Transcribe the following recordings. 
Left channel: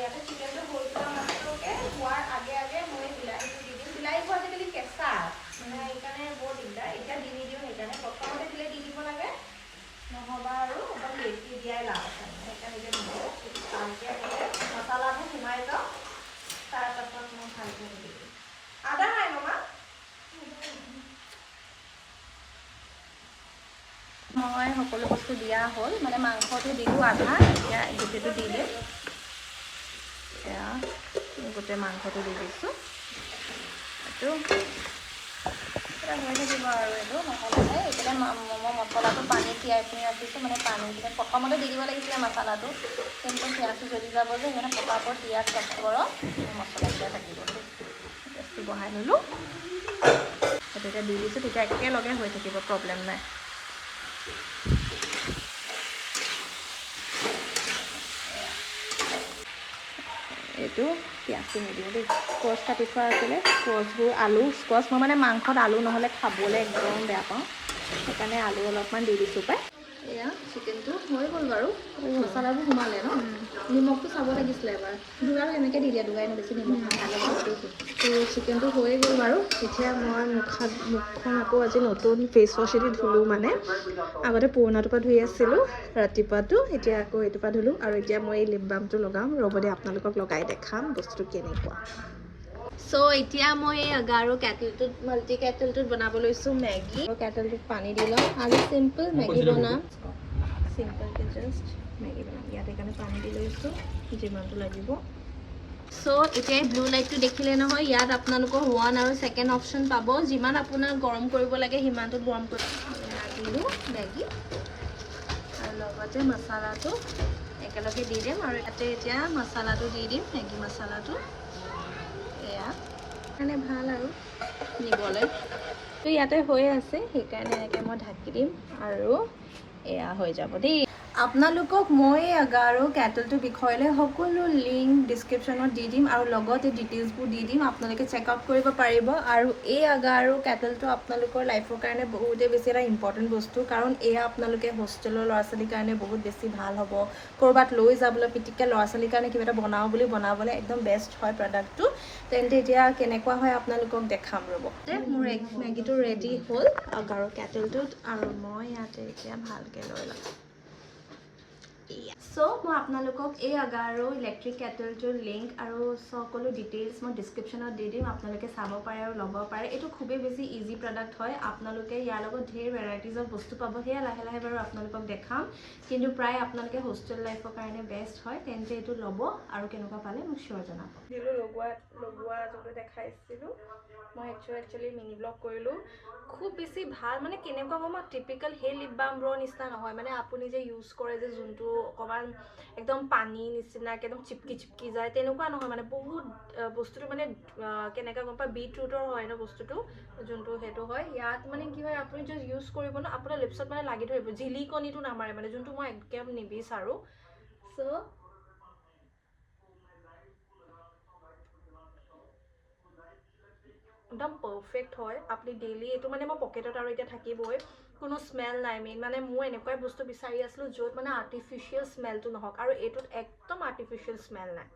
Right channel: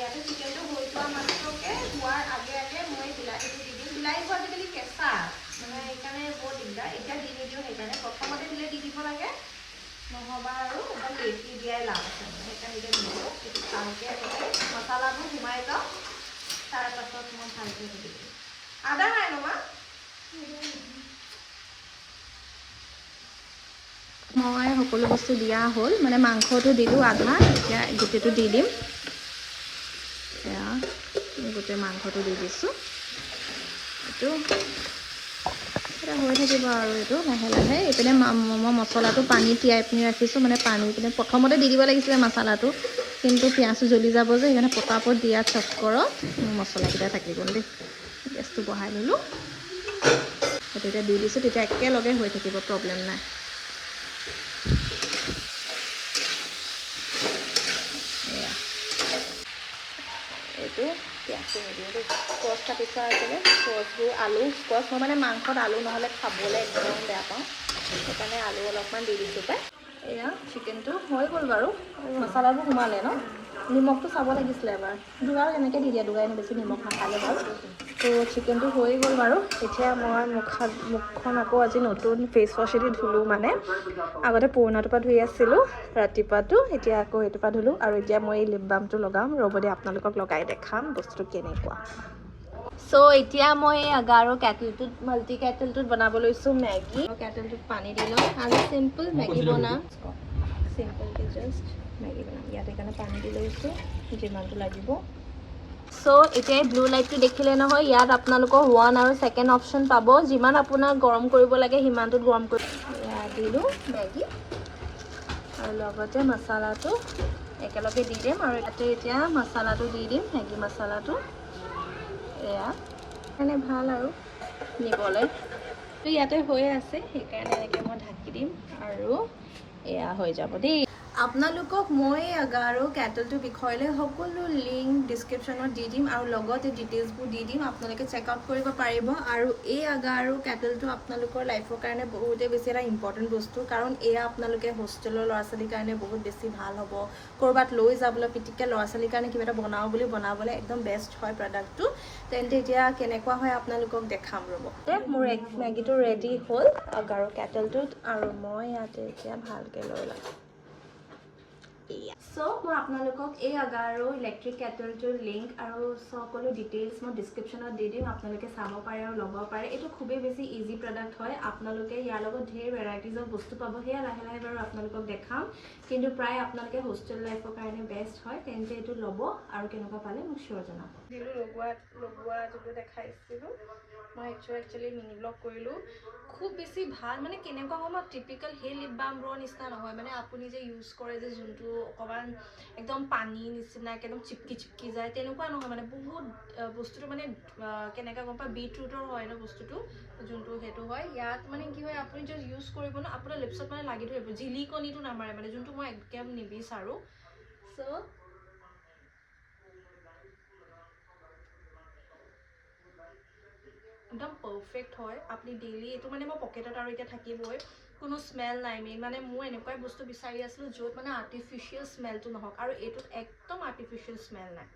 ইয়াতে চিকেনটো হৈ যোৱা মাত্ৰকে হোৱাৰ আগে আগে মই বিলাহীটো দি দিম। বিলাহীটো আজিকালি কেঁচা মানে সেইকাৰণে বৰ দিগদাৰ। এতিয়া দি নিদিওঁ, সেইকাৰণে প্ৰথমতে দিলে দি দিব লাগে, নহ'বা আৰু একদম লেটি দিয়াই লাভ আছে। সেইকাৰণে এতিয়া দিলোঁ এইটো ভালকৈ এনেকৈ মছলাবোৰ সোমাই যাওঁ, তাৰপাছত মই ভালকৈ দি দিম। আদা নাই নমা মই সকলো বস্তু দিয়া হ'ল, মানে মাংসটো দিলোঁ আধা, এতিয়া গোটেইটো দি দিম। এয়া গোটেই মাংসটো দি দিছোঁ। এইটো হৈ থাকিব আৰু এইটো লাহে লাহে। এইপিনে মই মছলাটো পানী তিয়াই পিনি ৰাখিছোঁ, মানে পানী পিনে প্ৰথমতে দি দিব লাগিছিলে মছলাটো, কিন্তু পিঁয়াজটো জ্বলি যাব যে, সেইকাৰণে পটাপট দিয়া চটকৰত মছলাকেইটা থাকি গ'ল দেই। গেছটো বঢ়াই ল'লোঁ, সেইটো এতিয়া দি দিছোঁ, তেতিয়া একেলগে হৈ থাকিব, প্ৰব্লেম নাই। এইটো পিঁয়াজটো নিদিলোঁ দেই, স্কোৱাচ কাটি থোৱা আছিলে, স্কোৱাচবোৰ আলু স্কোৱাচ মই মানে মাংসত আলু নহ'লে খাবলৈ একদম বেয়া পাওঁ, সেইকাৰণে আলু অলপমান দি দিছোঁ পাই। এয়া চিকেনটো হৈ গ'ল বাৰু, মছলাবোৰ সোমালে ন, নিমখটো চাব লাগিছিলে এবাৰ। দুগাৰ এনেকৈ দি দিয়া, দুগাৰ বেছি নিমখ নাখালে বাৰু। তো চিকেনটো হৈ গ'ল বাৰু। এতিয়া মই মুখখন আকৌ আজি নতুন ফেচ ৱাশেদি ধুলোঁ, মানে আগতে পুৰণাটোৰ পৰা ধুই আছিলোঁ ৰাতিপুৱাটো, এতিয়া আকৌ এইটোৰ পৰা ধুলোঁ। আৰু এতিয়া মই এই লিপ বামটো লগাম, ৰ'ব দে আপোনালোকক লগাই দেখাম বস্তুটো কেনেকুৱা। চ' এতিয়া মই এই আগাৰো কেটলটোত, মাল্টি কেটলটোত বনাব লৈছোঁ মেগী। কেটলটোত পানী দি লওঁ, আজি চিম্পল মেগী বনাম, চিম্পলকৈ জাষ্ট মেগী বনাম। ইয়াত সেইকাৰণে পানী দি লৈছোঁ যিমানটো লাগিব। চ' এতিয়া এই ব্লু লাইটটো দেখিলে নহয়, ইয়াত আপোনালোকৰ 1 আৰু 2nd অপশ্যন পাব, যিমান আপোনাক গৰম কৰিব লাগে সিমানটোত গৰম কৰি দিলোঁ মেগী, আৰু লগতে মছলাটো একেলগে দি দিম। আৰু ইয়াতে এতিয়া মছলাটো দি দিম, মেগী মছলাটো। এয়া মানে ভাল আৰু নিবলৈ, তো ইয়াতে হৈ আছে, সেইকাৰণে এনেকৈ মই ঢাকি দিম আৰু এয়া হৈ যাব দেই। আপোনালোকক মই আগাৰো কেটলটোৰ বিষয়লৈ সকলো লিংক ডিছক্ৰিপশ্যনত দি দিম, আৰু লগতে ডিটেইলছবোৰ দি দিম, আপোনালোকে চেকআউট কৰিব পাৰিব। আৰু এই আগাৰো কেটলটো আপোনালোকৰ লাইফৰ কাৰণে বহুতেই বেছি এটা ইম্পৰ্টেণ্ট বস্তু, কাৰণ এয়া আপোনালোকে হোষ্টেলৰ ল'ৰা ছোৱালীৰ কাৰণে বহুত বেছি ভাল হ'ব। ক'ৰবাত লৈ যাবলৈ পিটিককৈ ল'ৰা ছোৱালীৰ কাৰণে কিবা এটা বনাওঁ বুলি বনাবলৈ একদম বেষ্ট হয় প্ৰডাক্টটো। তেন্তে এতিয়া কেনেকুৱা হয় আপোনালোকক দেখাম ৰ'ব। মোৰ মেগীটো ৰেডি হ'ল আগাৰো কেটলটোত, আৰু মই ইয়াতে এতিয়া ভালকৈ লৈ ল'ম। চ' মই আপোনালোকক এই আগাৰো ইলেক্ট্ৰিক কেটলটোৰ লিংক আৰু সকলো ডিটেইলছ মই ডিছক্ৰিপশ্যনত দি দিম, আপোনালোকে চাব পাৰে আৰু ল'ব পাৰে। এইটো খুবেই বেছি ইজি প্ৰডাক্ট হয়, আপোনালোকে ইয়াৰ লগত ঢেৰ ভেৰাইটিজৰ বস্তু পাব, সেয়া লাহে লাহে বাৰু আপোনালোকক দেখাম, কিন্তু প্ৰায় আপোনালোকে হোষ্টেল লাইফৰ কাৰণে বেষ্ট হয়। তেন্তে এইটো ল'ব, আৰু কেনেকুৱা পালে মোক চিয়'ৰ জনাব। দিলোঁ লগোৱা যোনটো দেখাইছিলোঁ, মই একচুৱেলি মিনি ব্লগ কৰিলোঁ। খুব বেছি ভাল, মানে কেনেকুৱা মই টিপিকেল সেই লিপ বামৰ নিচিনা নহয়, মানে আপুনি যে ইউজ কৰে যে যোনটো অকণমান একদম পানী নিচিনা একদম চিপকি যায়, তেনেকুৱা নহয়। মানে বহুত বস্তুটো মানে কেনেকৈ গম পায়, বিটৰুটৰ হয় ন বস্তুটো, যোনটো সেইটো হয়। ইয়াত মানে কি হয়, আপুনি জাষ্ট ইউজ কৰিব ন, আপোনাৰ লিপছত মানে লাগি ধৰিব, জিলিকনিটো নামাৰে, মানে যোনটো মই একদম নিবিচাৰোঁ। চ' একদম পাৰফেক্ট হয়, আপুনি ডেইলি এইটো মানে মই পকেটত আৰু এতিয়া থাকিবই, কোনো স্মেল নাই। মেইন মানে মই এনেকুৱাই বস্তু বিচাৰি আছিলোঁ য'ত মানে আৰ্টিফিচিয়েল স্মেলটো নহওক, আৰু এইটোত একদম আৰ্টিফিচিয়েল স্মেল নাই,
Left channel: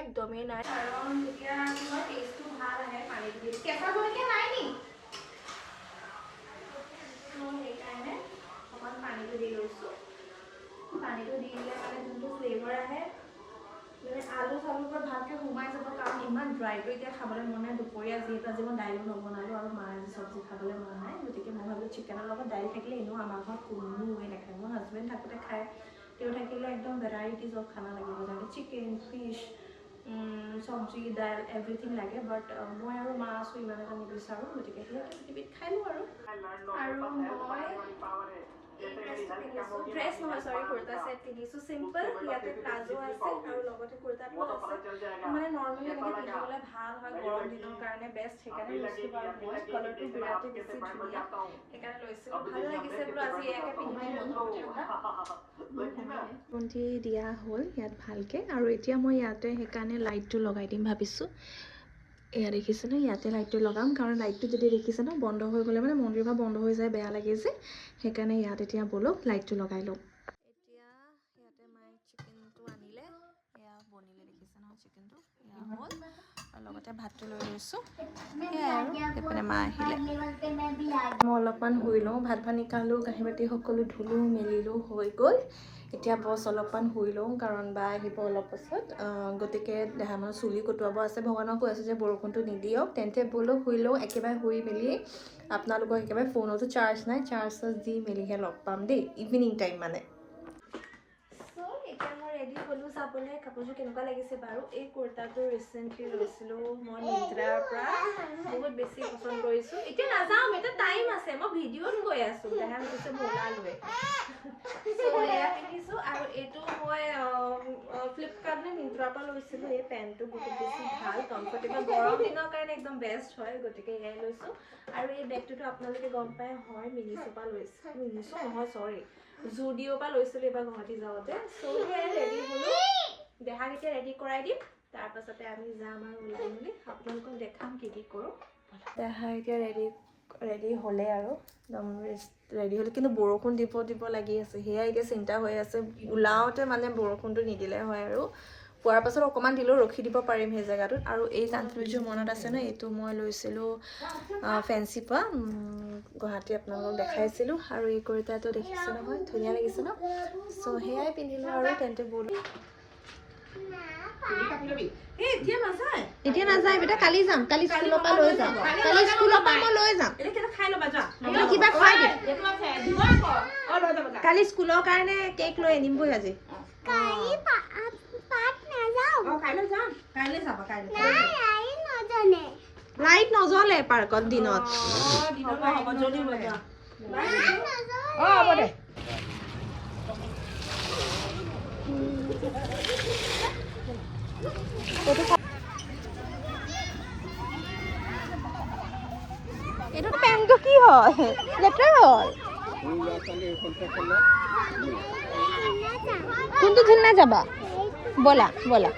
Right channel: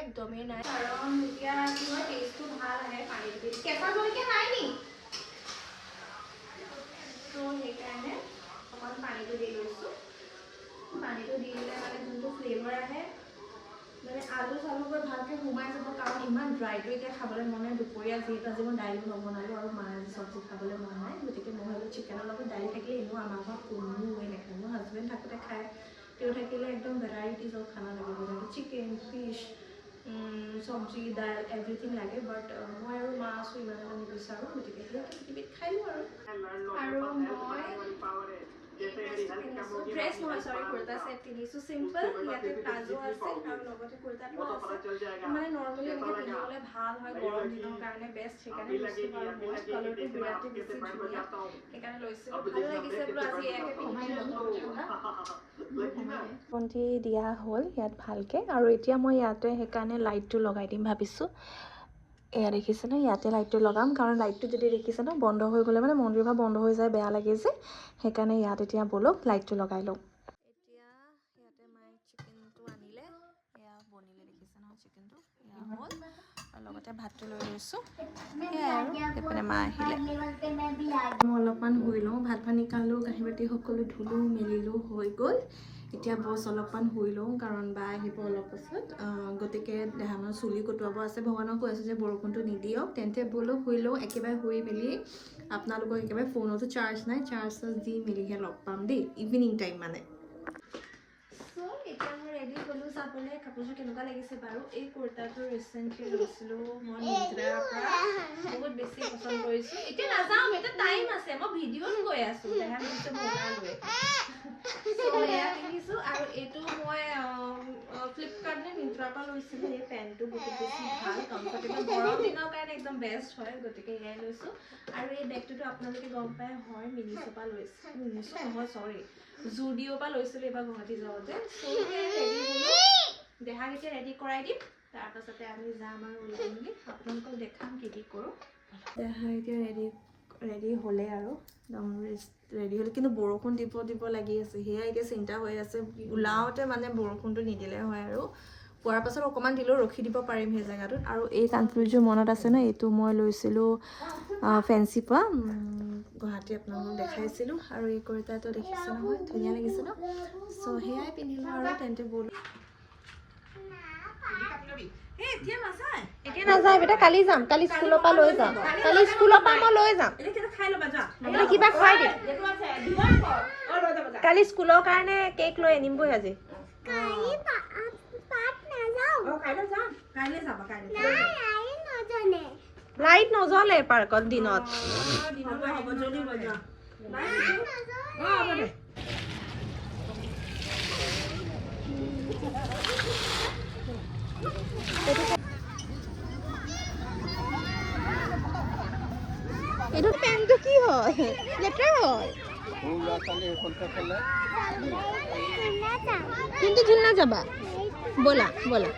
একদমেই নাই। কাৰণ এতিয়া কি হয়, টেষ্টটো ভাল আহে পানীটো দি। কেঁচা জলকীয়া নাই নি? ত' সেইকাৰণে অকণমান পানীটো দি লৈছোঁ। পানীটো দি দিলে মানে যোনটো ফ্লেভাৰ আহে, মানে আলু চালুবোৰ ভালকৈ সোমাই যাব। কাৰণ ইমান ড্ৰাইটো এতিয়া খাবলৈ মন নাই, দুপৰীয়া যিহেতু আজি মই দাইলো নবনালোঁ, আৰু মাৰ আজি চব্জি খাবলৈ মন নাই, গতিকে মই ভাবিলোঁ চিকেনৰ লগত দাইল থাকিলে এনেও আমাৰ ঘৰত কোনোৱে নাখায়। মোৰ হাজবেণ্ড থাকোঁতে খায়, তেওঁ থাকিলে একদম ভেৰাইটিজ অফ খানা লাগিব, যেনেকৈ চিকেন, ফিছ, চব্জি, দাইল, এভৰিথিং লাগে। বাট মই আৰু মা আছোঁ, ইমান এটা নিবিচাৰোঁ, গতিকে সেয়াকৈ পৃথিৱীত খাই লওঁ। আৰু মই ড্ৰেছ নহয়, চৰি, কুৰ্তা ছেট পিন্ধিছোঁ, চিম্পল। ইয়াতে প্লাজো আছে আৰু লগতে কুৰ্তাটো আছে, মানে নৰ্মেলি এনেকৈ পিন্ধিবলৈ ভাল হয়, গৰম দিনৰ কাৰণে বেষ্ট, সেইকাৰণে লৈছোঁ। বাৰু মই কালাৰটো বিৰাটেই বেছি ধুনীয়া, সেইকাৰণে লৈছিলোঁ, ভাল লাগিছে বোলো আজি এয়াকে পিন্ধিলে মন হ'ব ঠাণ্ডা। বন্তি দিয়া হ'ল ইয়াত ভালকৈ, আৰু এতিয়া মই ইয়াতে সেইকাৰণে লাইটটো লগাই দিম ভাবিছোঁ। এয়া দেখিছেনে, ইয়াতে লাইটটো লগাম, কাৰণ লাইটটো যদি দেখিছে ন বন্ধ হৈ গ'লে মানে মন্দিৰ ভাগ বন্ধ হৈ যায়, বেয়া লাগে যে, সেইকাৰণে ইয়াত এতিয়া ব'লক লাইটটো লগাই লওঁ। এতিয়া ইয়াতে মায়ে চিকেনটো আনিলে, এতিয়া ভাতটো লৈ লৈছোঁ সেয়াই আৰু এইপিনে মা আহিলে মই অলপমান শুই লওঁ ভাত পানী খালোঁ কাঁহী বাতি সকলো ধুলোঁ মেলিলোঁ হৈ গ'ল এতিয়া বছ অলপমান শুই লওঁ কাৰণ বা আহিব অলপ পাছত গতিকে দেহামৰ চুলি কটোৱাব আছে ভগৱানক কৈ আছোঁ যে বৰষুণটো নিদিয়ক তেন্তে বোলো শুই লওঁ একেবাৰে শুই মেলি আপোনালোকক একেবাৰে ফোনতো চাৰ্জ নাই চাৰ্জ দি মেলিহে লগ পাম দেই ইভিনিং টাইম মানে এতিয়া মই ৰেডি হ'লোঁ চাবলৈ কাপোৰযোৰ কেনেকুৱা লাগিছে বাৰু এই কুৰ্তাটো ৰিচেণ্টলি লৈছিলোঁ মই মিন্ত্ৰাৰ পৰা বহুত বেছি পচন্দ কৰিছোঁ এতিয়া নাযাওঁ এতিয়া টাইম আছে মই ভিডিঅ'ত গৈ আছোঁ দেখা গৈছে মই ওলালোৱে এয়া পিন্ধিছোঁ আৰু এইটো মই ফ্লিপকাৰ্ট নে মিন্ত্ৰাৰ পৰা লৈছিলোঁ এই পেণ্টটো বহুত বেছি ভাল কমফৰ্টেবল গৰম দিনৰ কাৰণে একদম বেষ্ট হয় গতিকে এয়াই লৈছোঁ আৰু এই বেগটোতো আপোনালোকে গম পাই হয় মিনিছৰ পৰা লৈছোঁ মিনিছো নহয় চৰি জুডিঅ'ৰ পৰা লৈছিলোঁ এইবাৰ গুৱাহাটী যাওঁতে সেয়াই ৰেডি হ'লোঁ দেহাক এতিয়া ৰেডি কৰাই দিম তাৰপাছতে আমি যাম আৰু ওলাই মেলি আপোনালোকক দেখাম কি কি কৰোঁ দেহা এতিয়া ৰেডি হ'লে আৰু একদম ৰেডি হ'লে কিন্তু বৰষুণ দিব লাগি আছে সেয়া এতিয়া চিন্তা হৈ আছে ওলাওঁতে মানে বৰষুণটো নিদিলে হয় আৰু পোৱাৰ পাছত অকণমান দিলেও ৰখি দিব পাৰিম সেই জেগাটোত আৰু এই কাণফুলিযোৰ মনত আছে ন এইটো মই লৈছিলোঁ ফেঞ্চিৰ পৰা গুৱাহাটী আপোনালোকক দেখাইছিলোঁ আৰু এই কুৰ্তাটো দেখিছে নহয় ধুনীয়া লাগিছে ন চ' সেয়াই পিন্ধিলোঁ আৰু তেন্তে ব'লো এতিয়া নাযায় বেটা কালি যাম কালি স্কুলৰ পৰা লৈ যাম কালি স্কুলৰ পৰা মই লৈ যাম কিবা খুৱাই দিম কালি স্কুলৰ কাৰণে কেক লৈ আনিমগৈ আজি লাইট নজ্বলে পাৰ্কত দিনত এইটো পেণ্টটো কি হয় লেতেৰা হ'ল কোনটো ঝুলনা যাবা ব'লা ব'লা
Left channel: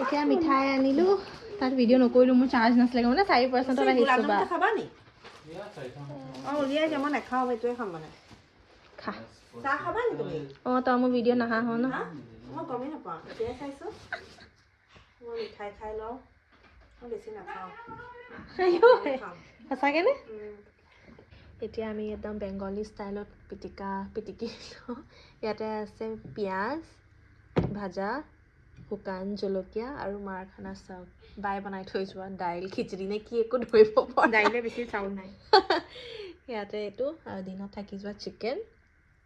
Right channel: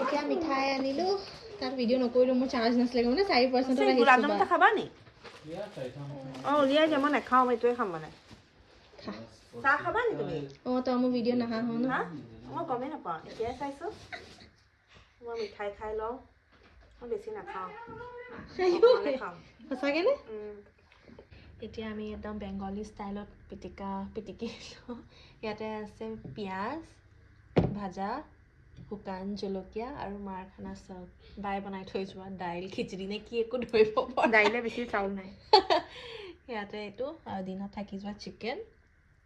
এতিয়া মিঠাই আনিলোঁ তাত ভিডিঅ' নকৰিলোঁ মোৰ চাৰ্জ নাছিলে মানে 4% আহিছোঁ বা খাবা নি অঁ উলিয়াই দিয়া মই নাখাওঁ এইটোৱে খাম মানে চাহ খাবা নি তুমি অঁ তই মোৰ ভিডিঅ' নাহা হ ন মই গমেই নাপাওঁ এতিয়াই খাইছোঁ মই মিঠাই খাই লওঁ মই বেছি নাখাওঁ সঁচাকেনে এতিয়া আমি একদম বেংগলী ষ্টাইলত পিটিকি ইয়াতে আছে পিঁয়াজ ভাজা শুকান জলকীয়া আৰু মাৰ খানা চাউল বাই বনাই থৈ যোৱা দাইল খিচিৰি নে কি একো ধৰিব পৰা দাইলে বেছি চাউল নাই ইয়াতে এইটো আৰু দিনত থাকি যোৱা চিকেন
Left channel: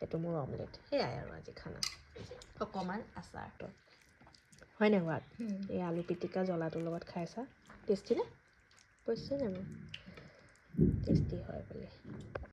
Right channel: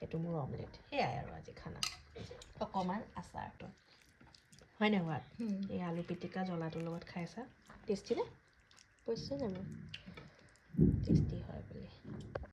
এইটো মোৰ অমলেট সেয়াই আৰু আজি খানা অকণমান আচাৰটো হয় নাই বাৰু এই আলু পিটিকা জ্বলাটোৰ লগত খাইছা টেষ্টি নে কৈছে জানো টেষ্টি হয় বোলে